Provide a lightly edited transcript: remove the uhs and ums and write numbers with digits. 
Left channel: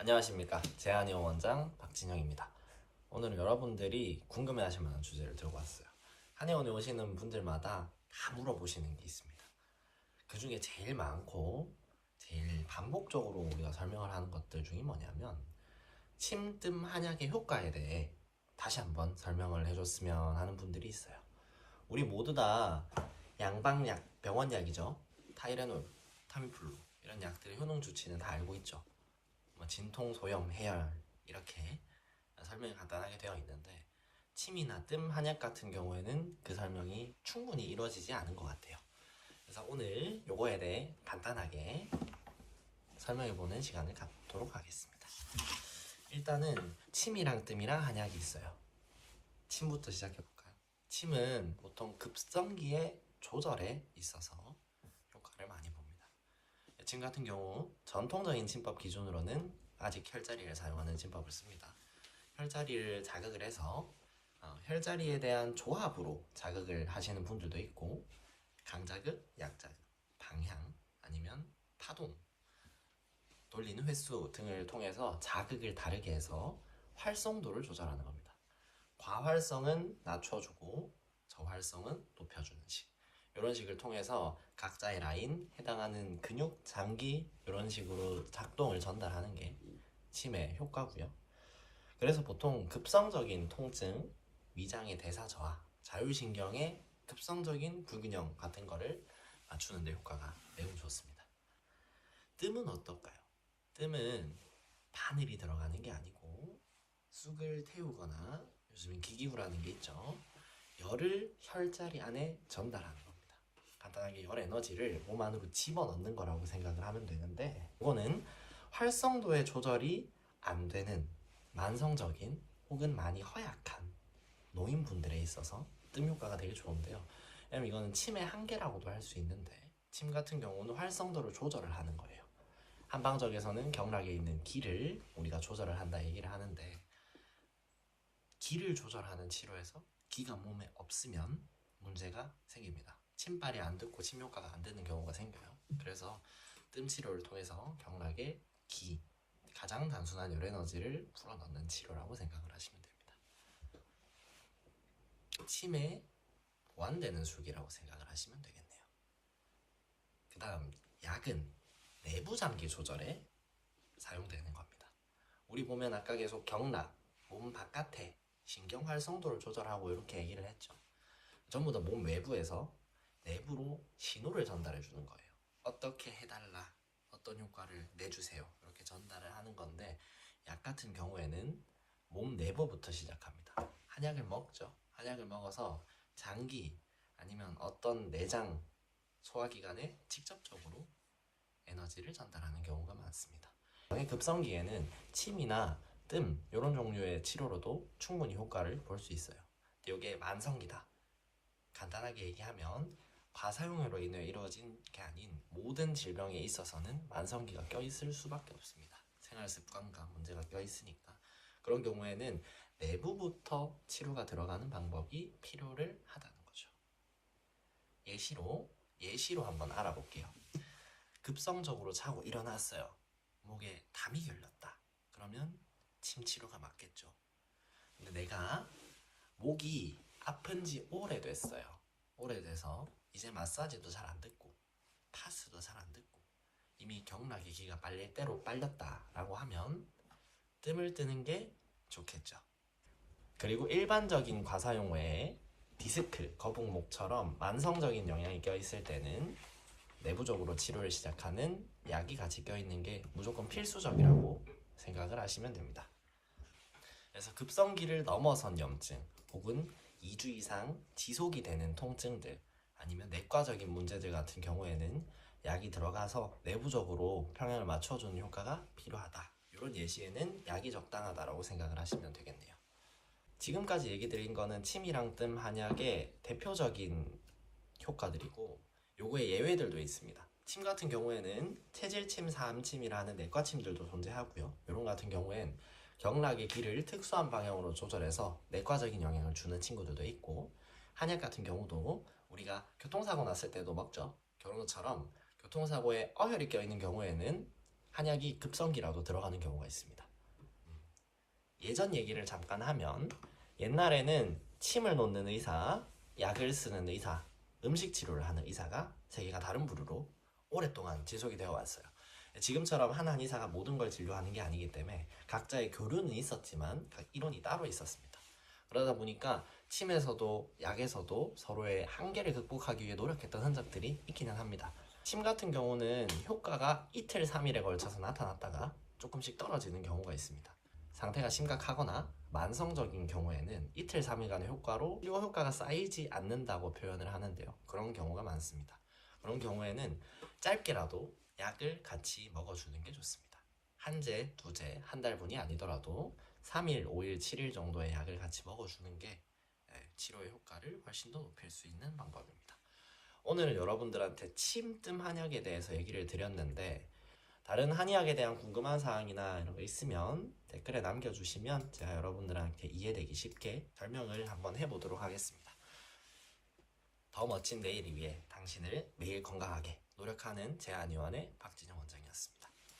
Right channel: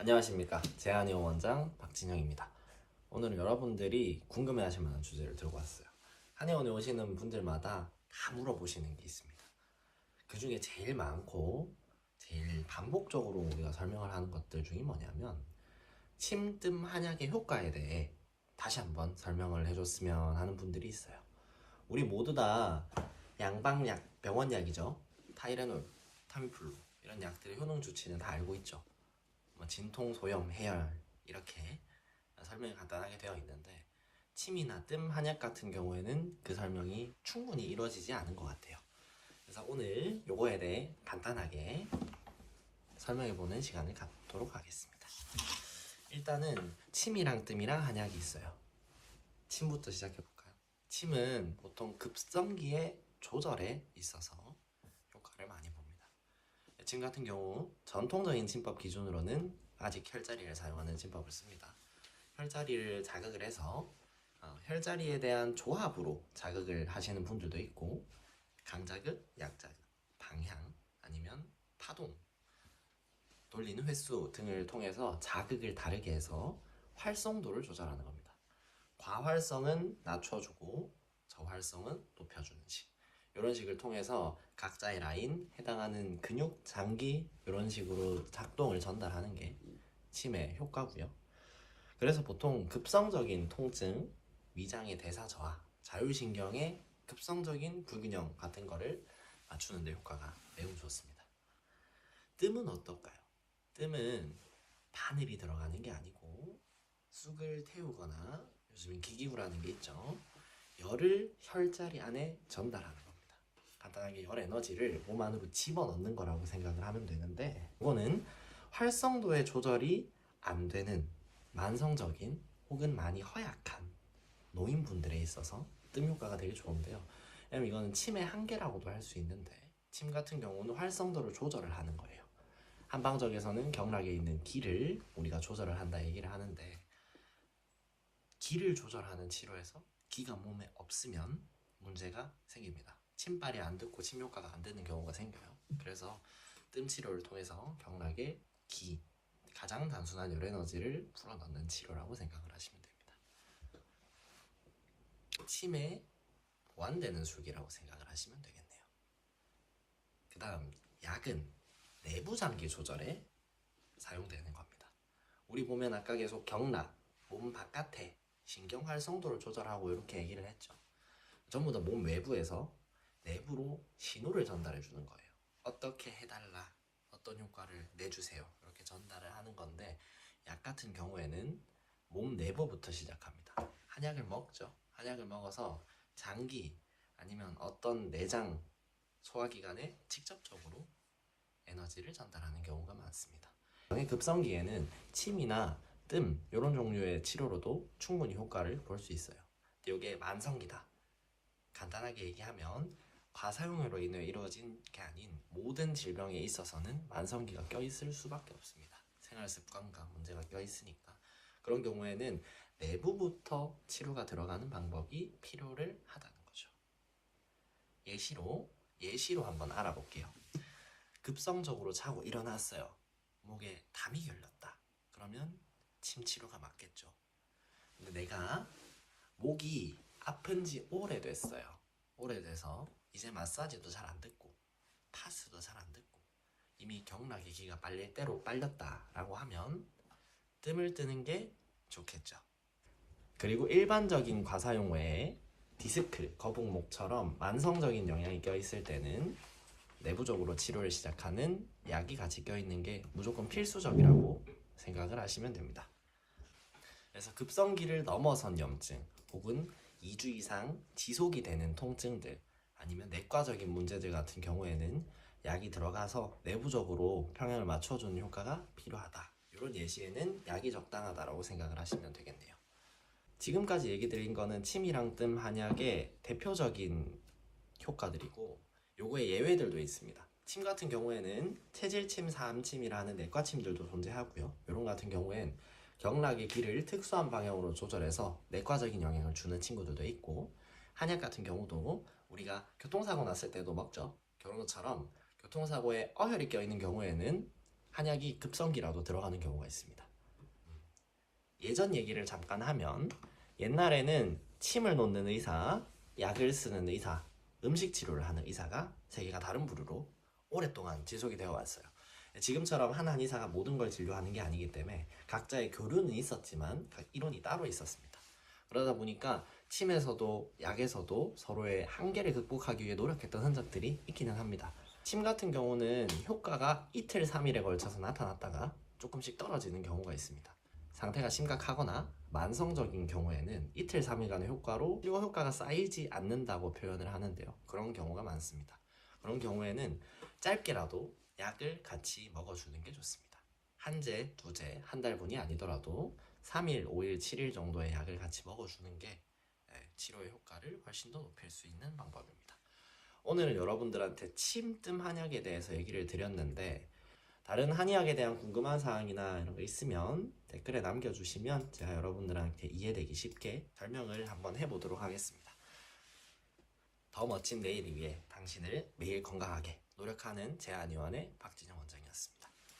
안녕하십니까. 제한의원 원장 박진영입니다. 오늘은 여러분들이 궁금해하실 만한 주제를 들고 왔어요. 한의원에 오시는 분들마다 다 물어보시는 게 있습니다. 그 중에 제일 많고 제일 반복적으로 우리가 설명을 하는 것들 중에 뭐냐면 침뜸 한약의 효과에 대해 다시 한번 설명을 해줬으면 하는 분들이 있어요. 우리 모두 다 양방약, 병원약이죠. 타이레놀, 타미플루 이런 약들의 효능 주치는 다 알고 있죠. 진통, 소염, 해열 이렇게 설명이 간단하게 되어 있는데 침이나 뜸, 한약 같은 경우에는 그 설명이 충분히 이루어지지 않은 것 같아요. 그래서 오늘 요거에 대해 간단하게 설명해보는 시간을 갖도록 하겠습니다. 일단은 침이랑 뜸이랑 한약이 있어요. 침부터 시작해볼까요? 침은 보통 급성기의 조절에 있어서 효과를 많이 봅니다. 침 같은 경우 전통적인 침법 기준으로는 아직 혈자리를 사용하는 침법을 씁니다. 혈자리를 자극을 해서 혈자리에 대한 조합으로 자극을 하시는 분들도 있고 강자극, 약자극, 방향 아니면 파동, 돌리는 횟수 등을 통해서 자극을 다르게 해서 활성도를 조절하는 겁니다. 과활성은 낮춰주고 저활성은 높여주는 식. 이런 식을 통해서 각자의 라인, 해당하는 근육, 장기 이런 식으로 작동을 전달하는 게 침의 효과고요. 그래서 보통 급성적인 통증, 위장의 대사 저하, 자율신경의 급성적인 불균형 같은 거를 맞추는 데 효과가 매우 좋습니다. 뜸은 어떨까요? 뜸은 바늘이 들어가는 게 아니고 쑥을 태우거나 요즘엔 기기구라는 게 있죠. 열을 혈자리 안에 전달하는 겁니다. 간단하게 열 에너지를 몸 안으로 집어넣는 거라고 생각을 하면 되는데 이거는 활성도의 조절이 안 되는 만성적인 혹은 많이 허약한 노인분들에 있어서 뜸 효과가 되게 좋은데요. 왜냐면 이거는 침의 한계라고도 할 수 있는데 침 같은 경우는 활성도를 조절을 하는 거예요. 한방적에서는 경락에 있는 기를 우리가 조절을 한다 얘기를 하는데 기를 조절하는 치료에서 기가 몸에 없으면 문제가 생깁니다. 침발이 안 듣고 침 효과가 안 되는 경우가 생겨요. 그래서 뜸 치료를 통해서 경락에 기, 가장 단순한 열 에너지를 풀어넣는 치료라고 생각을 하시면 됩니다. 침에 보완되는 술기라고 생각을 하시면 되겠네요. 그 다음 약은 내부 장기 조절에 사용되는 겁니다. 우리 보면 아까 계속 경락, 몸 바깥에 신경 활성도를 조절하고 이렇게 얘기를 했죠. 전부 다 몸 외부에서 내부로 신호를 전달해 주는 거예요. 어떻게 해달라, 어떤 효과를 내주세요, 이렇게 전달을 하는 건데 약 같은 경우에는 몸 내부부터 시작합니다. 한약을 먹죠. 한약을 먹어서 장기 아니면 어떤 내장, 소화기관에 직접적으로 에너지를 전달하는 경우가 많습니다. 급성기에는 침이나 뜸 이런 종류의 치료로도 충분히 효과를 볼 수 있어요. 이게 만성기다. 간단하게 얘기하면 과사용으로 인해 이루어진 게 아닌 모든 질병에 있어서는 만성기가 껴있을 수밖에 없습니다. 생활 습관과 문제가 껴있으니까 그런 경우에는 내부부터 치료가 들어가는 방법이 필요를 하다는 거죠. 예시로 한번 알아볼게요. 급성적으로 자고 일어났어요. 목에 담이 걸렸다. 그러면 침 치료가 맞겠죠. 근데 내가 목이 아픈 지 오래됐어요. 오래돼서 이제 마사지도 잘 안 듣고 파스도 잘 안 듣고 이미 경락의 기가 빨릴 대로 빨렸다라고 하면 뜸을 뜨는 게 좋겠죠. 그리고 일반적인 과사용 외에 디스크, 거북목처럼 만성적인 영향이 껴있을 때는 내부적으로 치료를 시작하는 약이 같이 껴있는 게 무조건 필수적이라고 생각을 하시면 됩니다. 그래서 급성기를 넘어선 염증 혹은 2주 이상 지속이 되는 통증들 아니면 내과적인 문제들 같은 경우에는 약이 들어가서 내부적으로 평형을 맞춰주는 효과가 필요하다. 이런 예시에는 약이 적당하다고 생각을 하시면 되겠네요. 지금까지 얘기 드린 거는 침이랑 뜸 한약의 대표적인 효과들이고 요거의 예외들도 있습니다. 침 같은 경우에는 체질침, 사암침이라는 내과침들도 존재하고요. 이런 같은 경우엔 경락의 길을 특수한 방향으로 조절해서 내과적인 영향을 주는 친구들도 있고 한약 같은 경우도 우리가 교통사고 났을 때도 먹죠. 그런 것처럼 교통사고에 어혈이 껴있는 경우에는 한약이 급성기라도 들어가는 경우가 있습니다. 예전 얘기를 잠깐 하면 옛날에는 침을 놓는 의사, 약을 쓰는 의사, 음식 치료를 하는 의사가 세 개가 다른 부류로 오랫동안 지속이 되어 왔어요. 지금처럼 한 한의사가 모든 걸 진료하는 게 아니기 때문에 각자의 교류는 있었지만 이론이 따로 있었습니다. 그러다 보니까 침에서도 약에서도 서로의 한계를 극복하기 위해 노력했던 흔적들이 있기는 합니다. 침 같은 경우는 효과가 이틀, 3일에 걸쳐서 나타났다가 조금씩 떨어지는 경우가 있습니다. 상태가 심각하거나 만성적인 경우에는 이틀, 3일간의 효과로 치료 효과가 쌓이지 않는다고 표현을 하는데요. 그런 경우가 많습니다. 그런 경우에는 짧게라도 약을 같이 먹어주는 게 좋습니다. 한제, 두제, 한 달분이 아니더라도 3일, 5일, 7일 정도의 약을 같이 먹어주는 게 치료의 효과를 훨씬 더 높일 수 있는 방법입니다. 오늘은 여러분들한테 침뜸 한약에 대해서 얘기를 드렸는데 다른 한의학에 대한 궁금한 사항이나 이런 거 있으면 댓글에 남겨주시면 제가 여러분들한테 이해되기 쉽게 설명을 한번 해보도록 하겠습니다. 더 멋진 내일 위해 당신을 매일 건강하게 노력하는 제한의원의 박진영 원장이었습니다.